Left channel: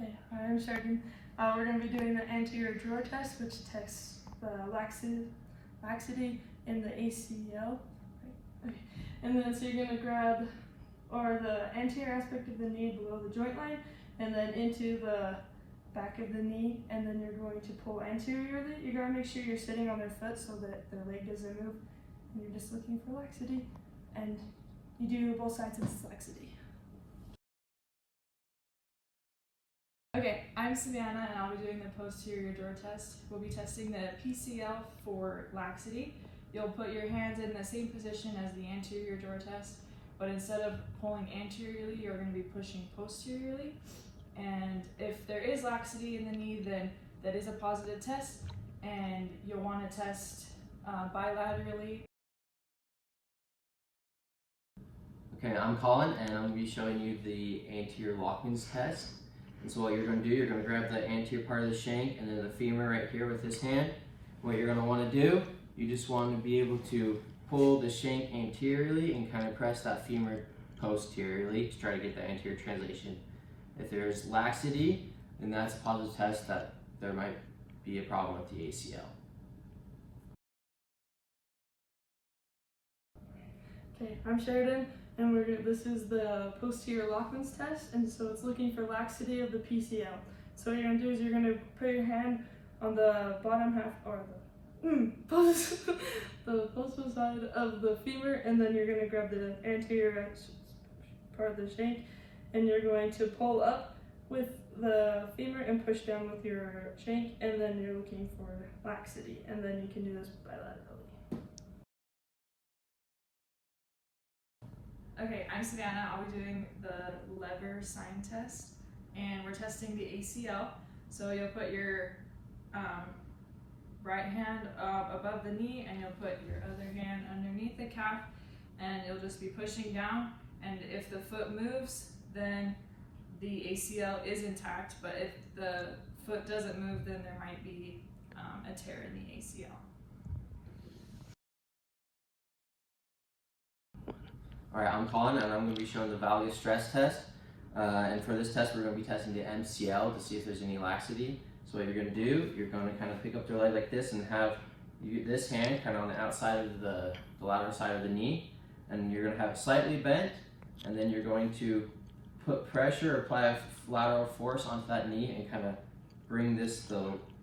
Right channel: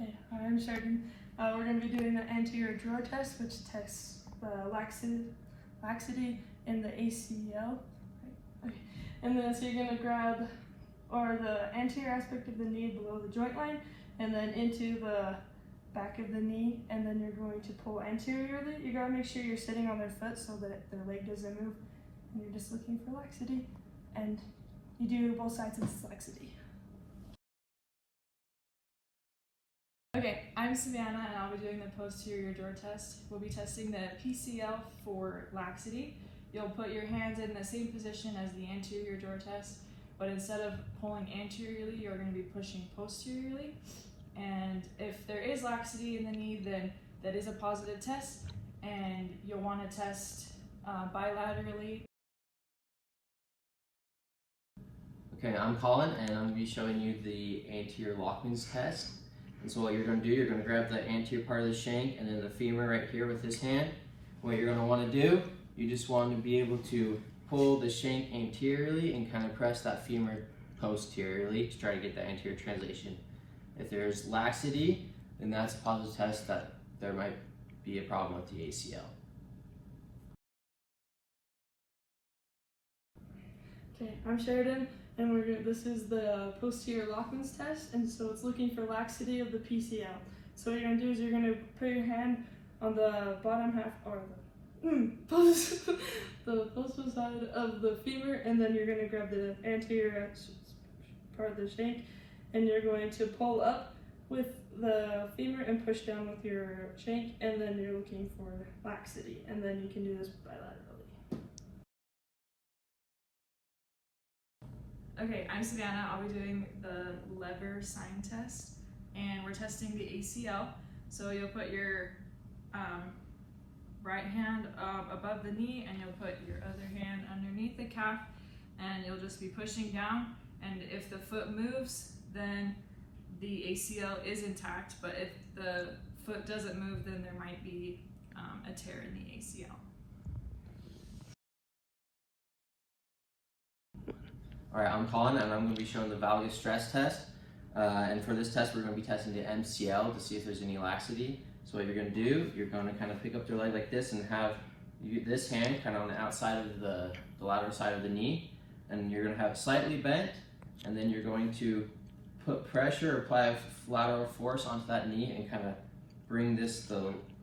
Okay, I'm Sheridan. We're going to be doing the anterior drawer test, which tests the laxity in the ACL. Okay. And then so you're going to grab the anterior aspect of the knee below the joint line, and then into the back of the knee, and then you're going to pull anteriorly. You got to make sure you're sitting on their foot so that their leg doesn't move, and you're just looking for laxity, and you do both sides of this laxity. Okay, I'm Savannah and I'll be doing the posterior drawer test. We'll be testing the PCL for laxity. You'll put your hands in the same position as the anterior drawer test, but instead of pulling anteriorly, you're going to be pushing posteriorly. And if there is laxity in the knee, then that is a positive test, and you'll want to test bilaterally. Okay, I'm Colin and I'm going to be showing you the anterior Lockman's test. And so what you're going to do, you're going to grab the anterior part of the shank and then the femur right here with this hand. What you're going to want to do, you just want to be able to pull the shank anteriorly and kind of press that femur posteriorly to try to get the anterior translation. If there's laxity, then that's a positive test that there might be a problem with the ACL. Okay, I'm Sheridan, and this is the posterior Lockman's test, and so it's looking for laxity of the PCL. So what you're gonna do is you're gonna put your hand on the bottom half, or the postal side of the femur, and then you're gonna grab the anterior part of the shank, and you're going to pull up with the femur and push down with your shank, and then you're looking for laxity, and then you can do this bilaterally. Okay, I'm Savannah. I'll be doing the lever sign test, and we're testing the ACL. So you'll put your right hand above the knee, and you'll put your other hand underneath the calf, and you'll just be pushing down. And if the foot moves, then the ACL is intact, but if the foot doesn't move, then there might be a tear in the ACL. Alright, I'm Colin and I'm going to be showing the valgus stress test. And for this test, we're going to be testing the MCL to see if there's any laxity. So what you're going to do, you're going to kind of pick up their leg like this and have this hand kind of on the outside of the lateral side of the knee. And you're going to have it slightly bent, and then you're going to put pressure or apply a lateral force onto that knee and kind of bring the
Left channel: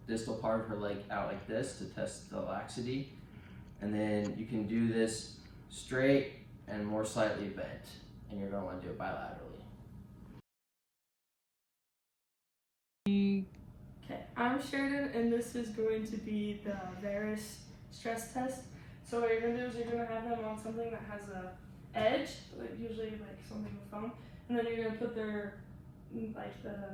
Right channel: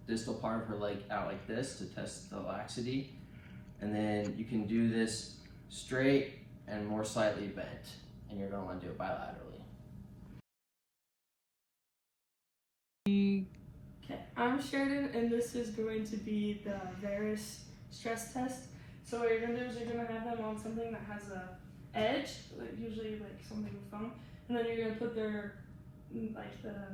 distal part of her leg out like this to test the laxity. And then you can do this straight and more slightly bent, and you're going to want to do it bilaterally. Okay, I'm Sheridan, and this is going to be the Varus stress test. So what you're going to do is you're going to have them on something that has a edge, usually like something with foam, and then you're going to put the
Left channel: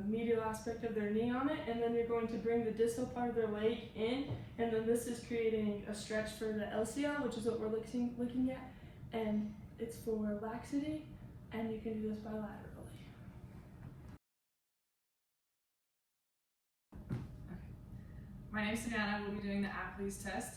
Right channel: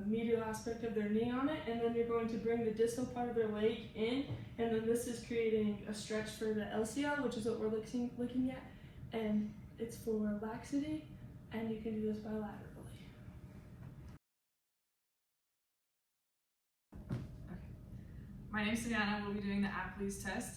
medial aspect of their knee on it, and then you're going to bring the distal part of their leg in, and then this is creating a stretch for the LCL, which is what we're looking at, and it's for laxity, and you can do this bilaterally. My name's Savannah. We'll be doing the Apley's test,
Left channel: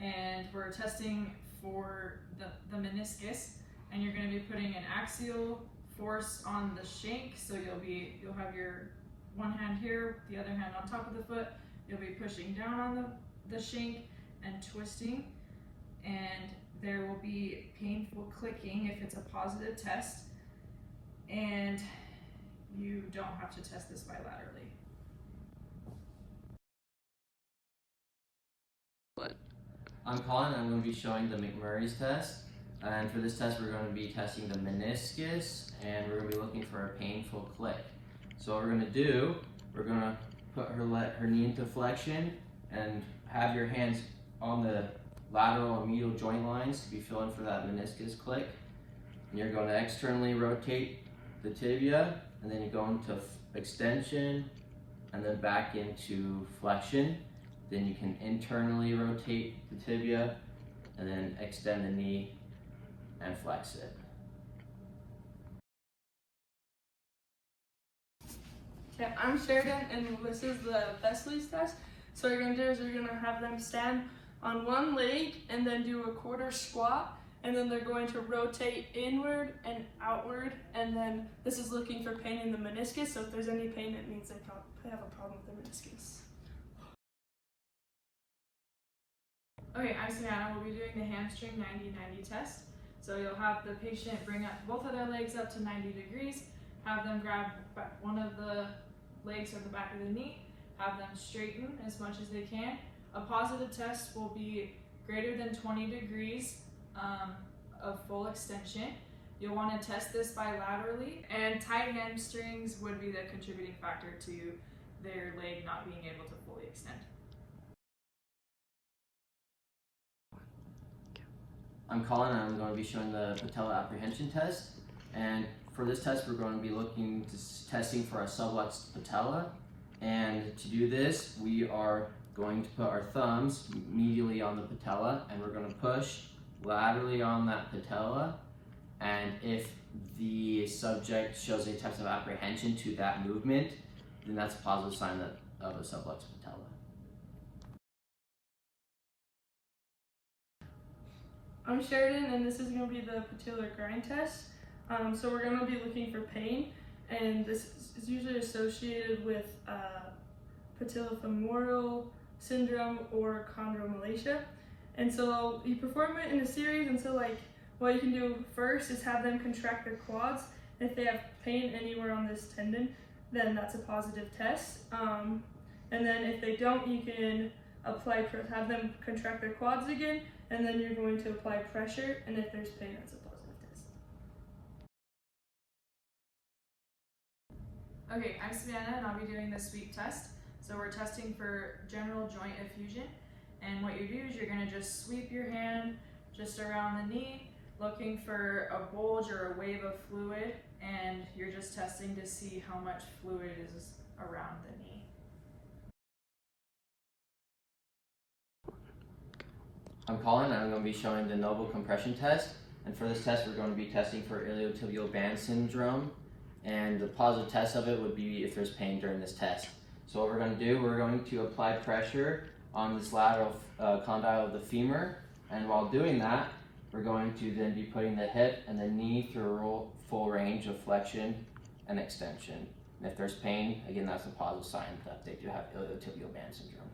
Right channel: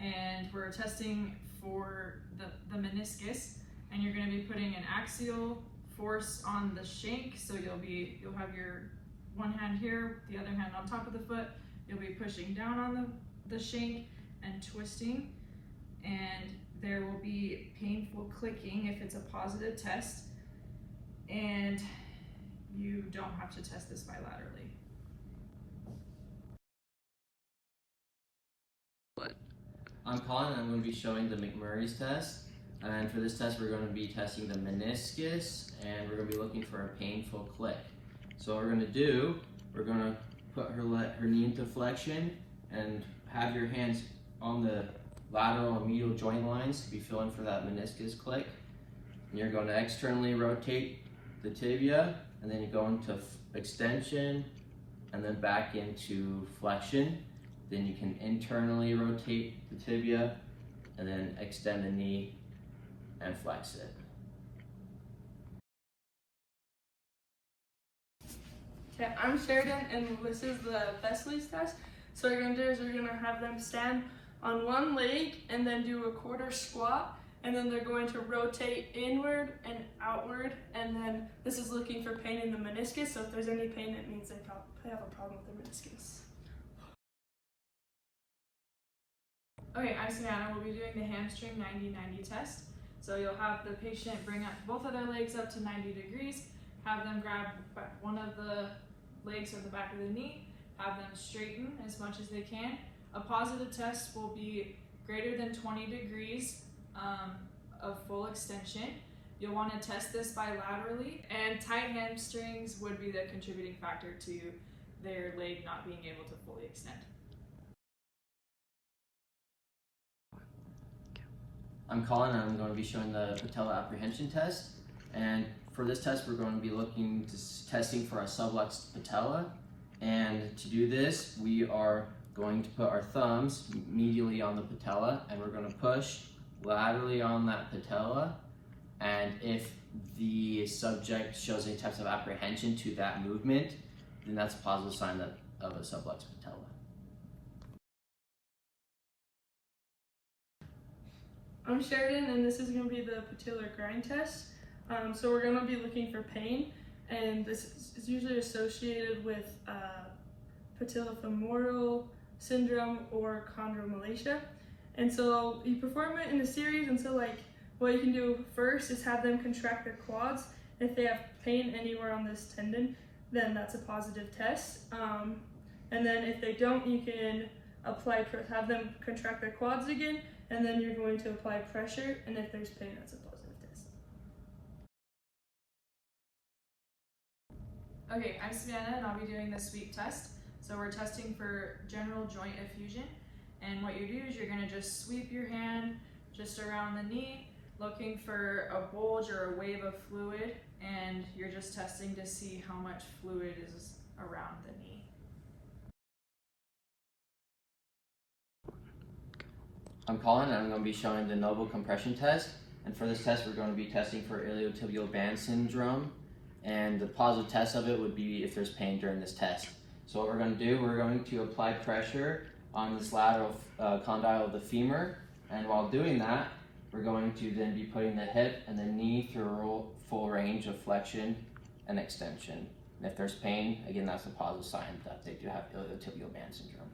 and we're testing for the meniscus, and you're going to be putting an axial force on the shank. So you'll have your one hand here, the other hand on top of the foot. You'll be pushing down on the shank and twisting, and there will be painful clicking if it's a positive test, and you don't have to test this bilaterally. I'm Colin and I'm going to be showing the McMurray's test. And for this test, we're going to be testing the meniscus, and we're going to be looking for a painful click. So what we're going to do, we're going to put her knee into flexion and have your hands on the lateral and medial joint lines to be feeling for that meniscus click. And you're going to externally rotate the tibia, and then you go into extension and then back into flexion. Then you can internally rotate the tibia and then extend the knee and flex it. Okay, I'm Sheridan, and this is the Vesely's test. So what you're going to do is you're going to have them stand on one leg and then do a quarter squat, and then they're going to rotate inward and outward, and then this is looking for pain in the meniscus, so if there's any pain, it means they probably have a problem with their meniscus. Okay, I'm Savannah. We'll be doing the hamstring 90-90 test. So you'll have the patient bring up both of their legs up to 90 degrees, have them grab one of the legs or the back of the knee, have them straighten as much as they can. A positive test will be greater than 20 degrees of full extension. You'll want to test this bilaterally, and tight hamstrings would be the contributing factor to their leg not being able to fully extend. I'm Colin and I'm going to be showing the patella apprehension test. And for this test, we're going to be testing for a subluxed patella. And to do this, we are going to put our thumbs medially on the patella, and we're going to push laterally on that patella. And if the subject shows any types of apprehension to that movement, then that's a positive sign of a subluxed patella. I'm Sheridan, and this is going to be the patellar grind test. So we're going to be looking for pain, and this is usually associated with patellofemoral syndrome or chondromalacia. And so you perform it in a series, and so what you can do first is have them contract their quads. If they have pain anywhere on this tendon, then that's a positive test. And then if they don't, you can have them contract their quads again, and then you're going to apply pressure, and if there's pain, that's a positive test. Okay, I'm Savannah and I'll be doing the sweep test. So we're testing for general joint effusion, and what you do is you're going to just sweep your hand just around the knee, looking for a bulge or a wave of fluid, and you're just testing to see how much fluid is around the knee. I'm Colin and I'm going to be showing the Noble compression test. And for this test, we're going to be testing for iliotibial band syndrome. And the positive test of it would be if there's pain during this test. So what we're going to do, we're going to apply pressure on this lateral condyle of the femur. And while doing that, we're going to then be putting the hip and the knee through a full range of flexion and extension. And if there's pain, again, that's a positive sign that they do have iliotibial band syndrome.